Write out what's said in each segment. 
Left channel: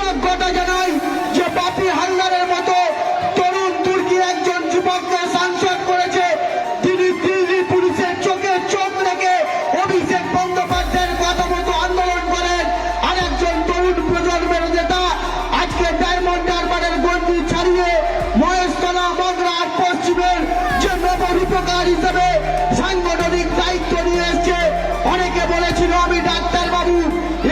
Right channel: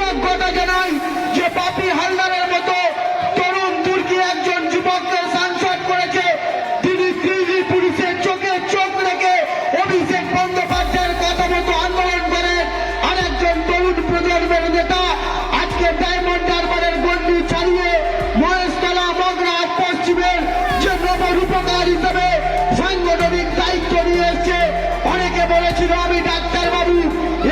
কৃতজ্ঞতা জানাই যে বাপি হালদারের মতো তরুণ তুর্কির একজন যুবককে সাংসদ করেছে। তিনি দিল্লি পুলিশের চোখে চোখ রেখে অভিষেক বন্দ্যোপাধ্যায়ের কথা মতো আন্দোলন করেন। আর একজন তরুণ প্রজন্মের নেতা আজকে ডায়মন্ড হারবারের গন্ডি ছাড়িয়ে মহেশতলা মগরা পশ্চিমের যে নবরূপকার হিসেবে সাংগঠনিক দায়িত্ব নিয়ে এসছে। অনেকে বলেছিল আমি ডাক্তার বাবু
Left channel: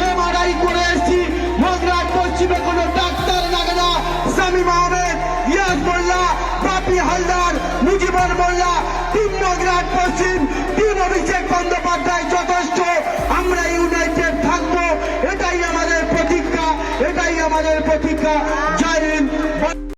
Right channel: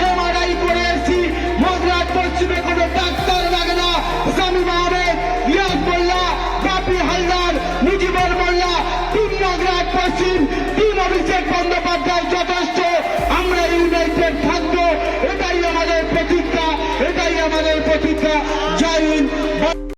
এমআরআই করে এসেছি, মগরা পশ্চিমে কোনো ডাক্তার লাগে না। শামীম আহমেদ, ইয়াস মোল্লা, বাপি হালদার, মুজিবুর মোল্লা, তিন মগরা পশ্চিম, তিন অভিষেক বন্দ্যোপাধ্যায় যথেষ্ট। আমরা ইউনাইটেড থাকবো, এটাই আমাদের প্রতিজ্ঞা, এটাই আমাদের প্রতিজ্ঞা। জয় হিন্দ।